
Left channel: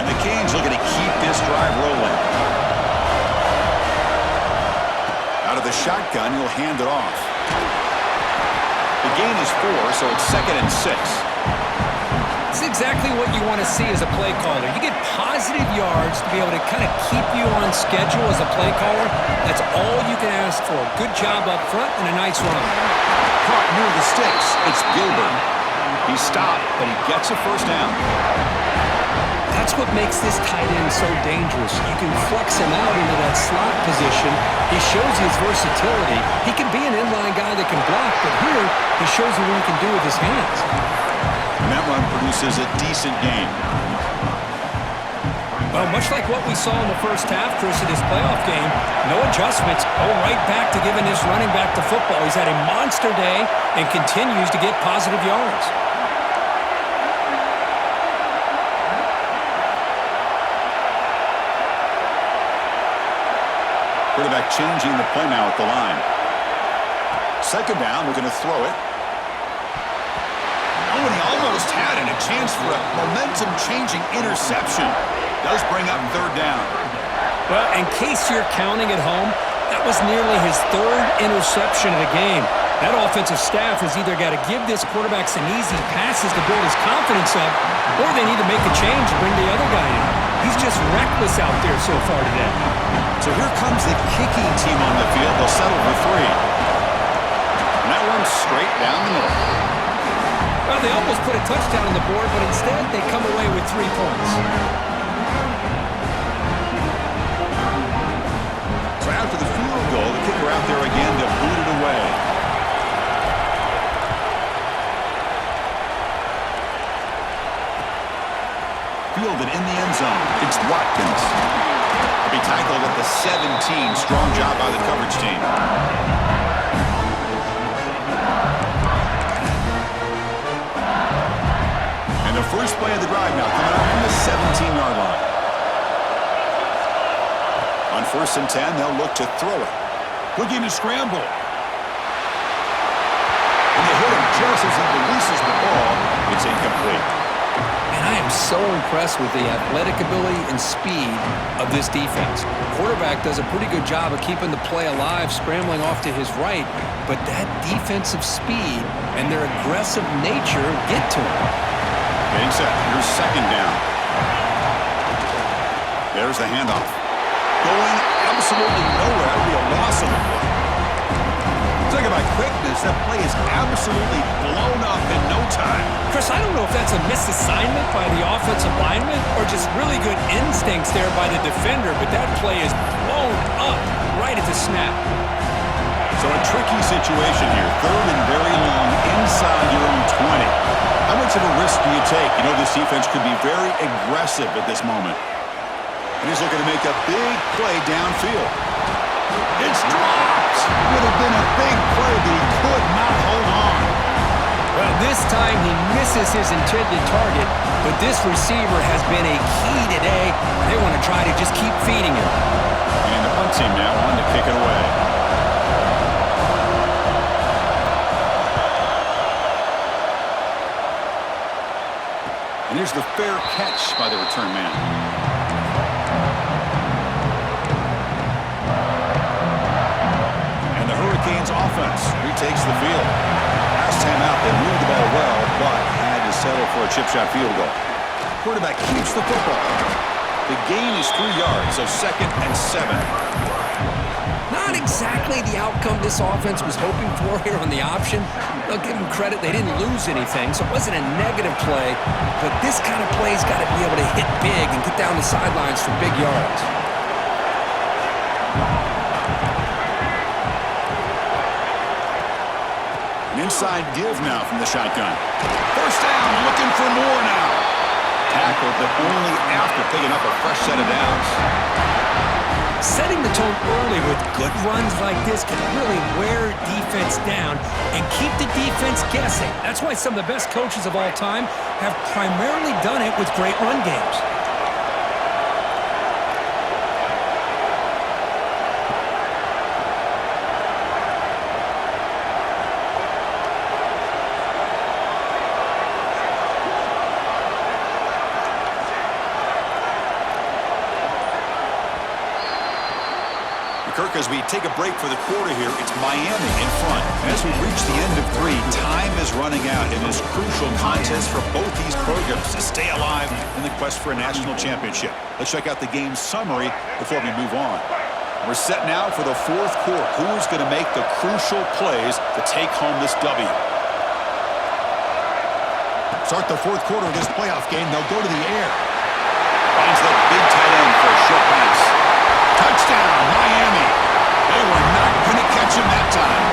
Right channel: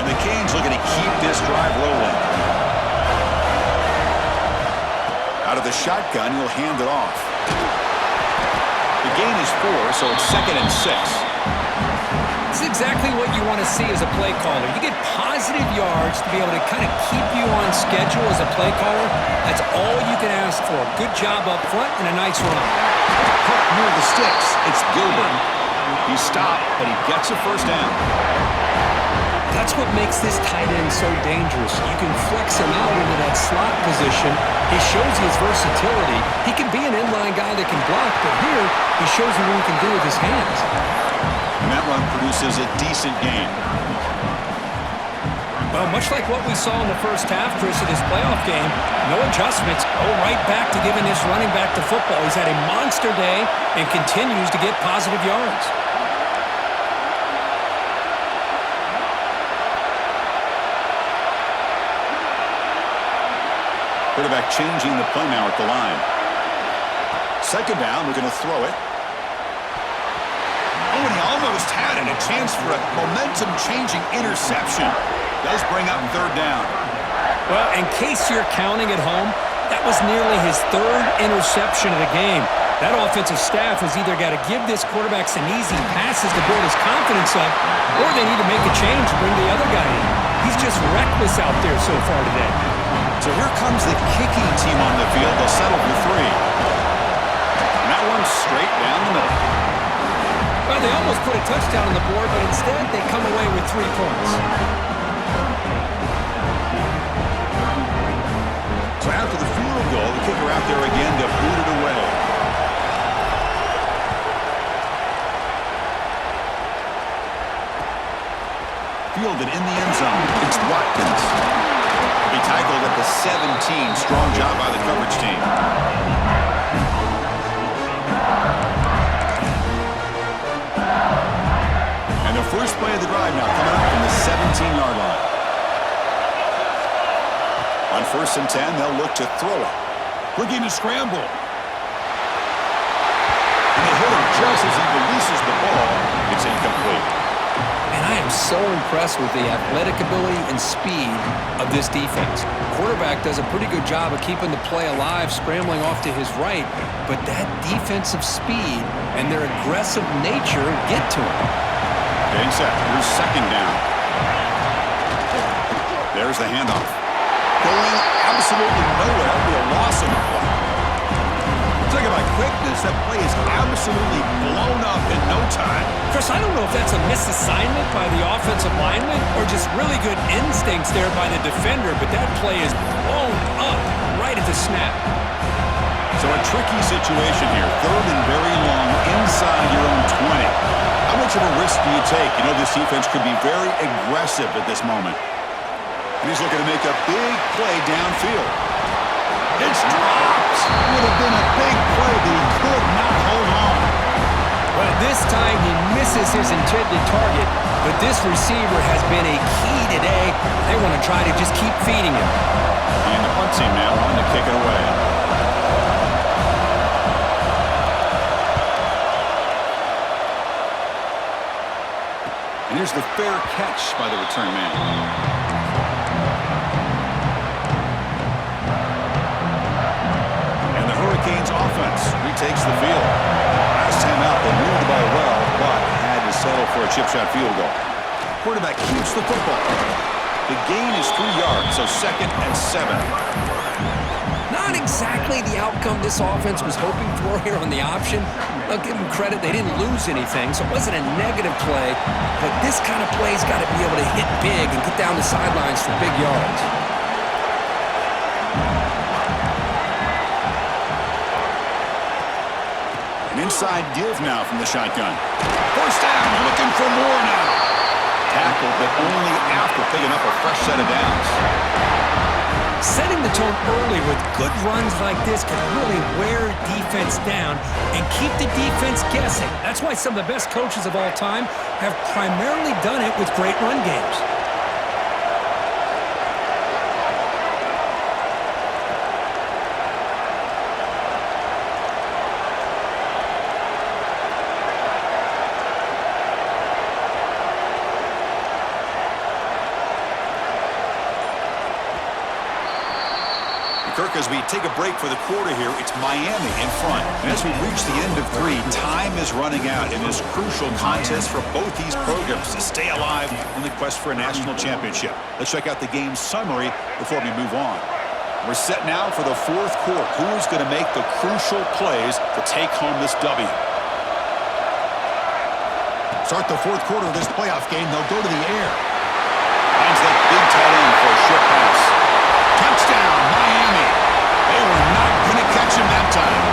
And the Canes looking to keep this drive rolling. Out of the shotgun, he'll hand it off. The gain is 4, so it's 2nd and 6. This is exactly what you want to see as a play caller. You get positive yards to be able to kind of keep you on schedule as a play caller. That's all you can ask for. Good job up front and a nice run. Caught near the sticks. It's Gilbert. He stopped, but he gets a first down. That's what makes this tight end so dangerous. You can flex him out into that slot position. He shows his versatility. He can be an inline guy that can block, but here he shows you what he can do with his hands. And that run produces a decent gain. Well, much like what we saw in the first half, Chris, of this playoff game, no adjustments. Go right back to giving this running back the football. He's had a monster day and continues to get positive yards. Quarterback changing the play now at the line. Second down, we're going to throw it. Oh, and he almost had it. A chance for a momentum-changing interception. Does bring up third down. Well, in case you're counting at home, That was nearly his third interception of the game. That offensive staff has either got to give this quarterback some easy passes to build his confidence up, or they need to make a change and bring the other guy in. He's just reckless out there so far today. So here comes the kicking team on the field. They'll settle for 3. And that one's straight down the middle. Well, they almost put a touchdown on the board, but instead they come away with 3 points. So after the field goal, the kicker out there again to boot it away. Fielded in the end zone. It's Watkins. He'll be tackled at the 17. Strong job by the coverage team. And the first play of the drive now coming up from the 17-yard line. On 1st and 10, they'll look to throw it. Looking to scramble. And they hit him just as he releases the ball. It's incomplete. And I am so impressed with the athletic ability and speed of this defense. Quarterback does a pretty good job of keeping the play alive, scrambling off to his right, but that defensive speed and their aggressive nature get to him. Getting set. Here's 2nd down. There's the handoff. Going absolutely nowhere. That would be a loss on the play. Talk about quickness. That play is absolutely blown up in no time. Chris, I don't know if that's a misassignment by the offensive lineman or just really good instincts there by the defender, but that play is blown up right at the snap. So a tricky situation here. 3rd and very long inside your own 20. How much of a risk do you take? You know this defense could be very aggressive at this moment. And he's looking to make a big play downfield. It's dropped! Would have been a big play, but he could not hold on. Well, this time he misses his intended target, but this receiver has been a key today. They want to try to just keep feeding him. And the punt team now on to kick it away. And here's the fair catch by the return man. Hurricanes offense retakes the field. Last time out, they moved the ball well, but had to settle for a chip shot field goal. Quarterback keeps the football. The gain is 3 yards, so 2nd and 7. Not exactly the outcome this offense was hoping for here on the option. I'll give them credit, they didn't lose anything, so it wasn't a negative play, but this kind of play's got to be able to hit big and get down the sidelines for big yards. An inside give now from the shotgun. 1st down, looking for more now. Tackled, but only after picking up a fresh set of downs. Setting the tone early with good runs like this can really wear defense down and keep the defense guessing. That's why some of the best coaches of all time have primarily done it with great run games. Kirk, as we take a break for the quarter here, it's Miami in front. And as we reach the end of 3, time is running out in this crucial contest for both these programs to stay alive in the quest for a national championship. Let's check out the game summary before we move on. We're set now for the 4th quarter. Who is going to make the crucial plays to take home this W? Start the 4th quarter of this playoff game. They'll go to the air. Finds that big tight end for a short pass. Touchdown, Miami. They were not going to catch him that time.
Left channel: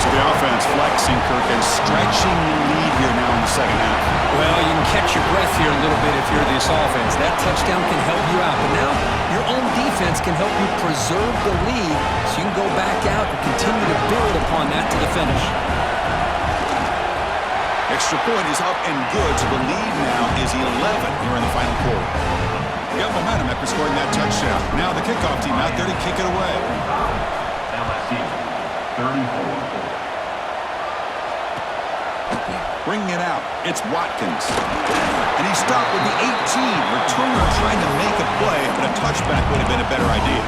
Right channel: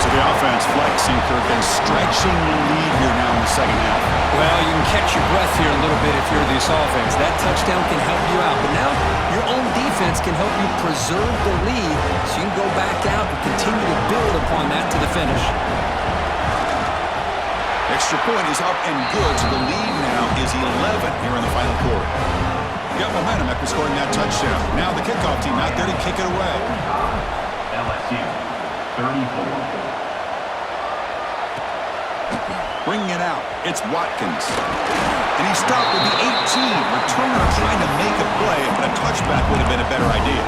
So the offense flexing, Kirk, and stretching the lead here now in the 2nd half. Well, you can catch your breath here a little bit if you're this offense. That touchdown can help you out. But now your own defense can help you preserve the lead so you can go back out and continue to build upon that to the finish. Extra point is up and good, so the lead now is 11 here in the final quarter. Got momentum after scoring that touchdown. Now the kickoff team out there to kick it away. LSU, 34. Bringing it out, it's Watkins. And he stopped with the 18. Returner trying to make a play, but a touchback would have been a better idea.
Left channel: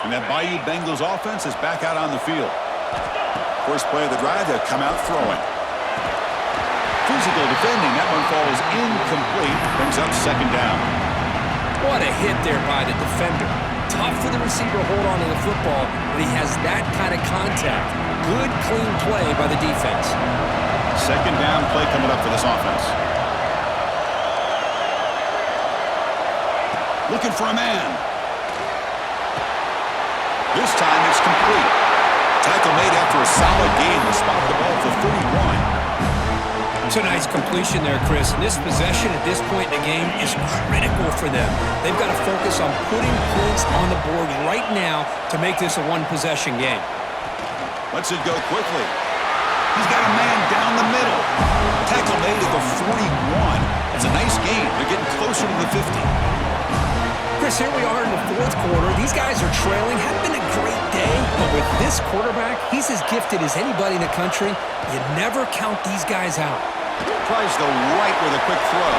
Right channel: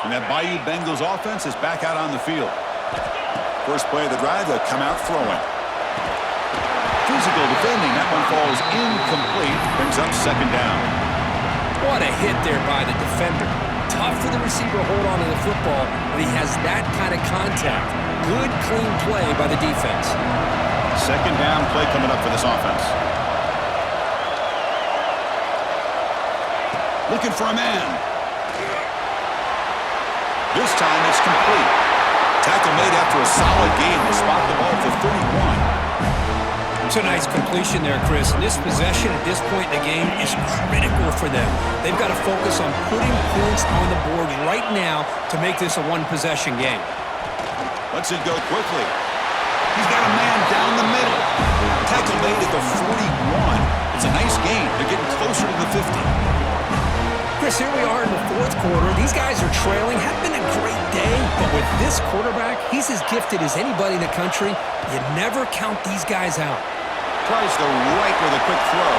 And that Bayou Bengals offense is back out on the field. First play of the drive, they'll come out throwing. Physical defending. That one falls incomplete. Brings up second down. What a hit there by the defender. Tough for the receiver to hold on to the football when he has that kind of contact. Good, clean play by the defense. Second down play coming up for this offense. Looking for a man. This time it's complete. Tackle made after a solid gain to spot the ball for 31. It's a nice completion there, Chris. And this possession at this point in the game is critical for them. They've got to focus on putting points on the board right now to make this a one-possession game. Lets it go quickly. He's got a man down the middle. Tackle made at the 41. It's a nice gain. They're getting closer to the 50. Chris, here we are in the fourth quarter. These guys are trailing. Had been a great day, but with this quarterback, he's as gifted as anybody in the country. You never count these guys out. Tries the right with a quick throw.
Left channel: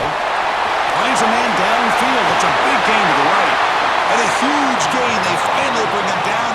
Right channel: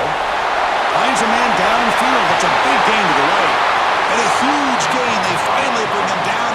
Finds a man downfield. It's a big gain to the right. And a huge gain. They finally bring him down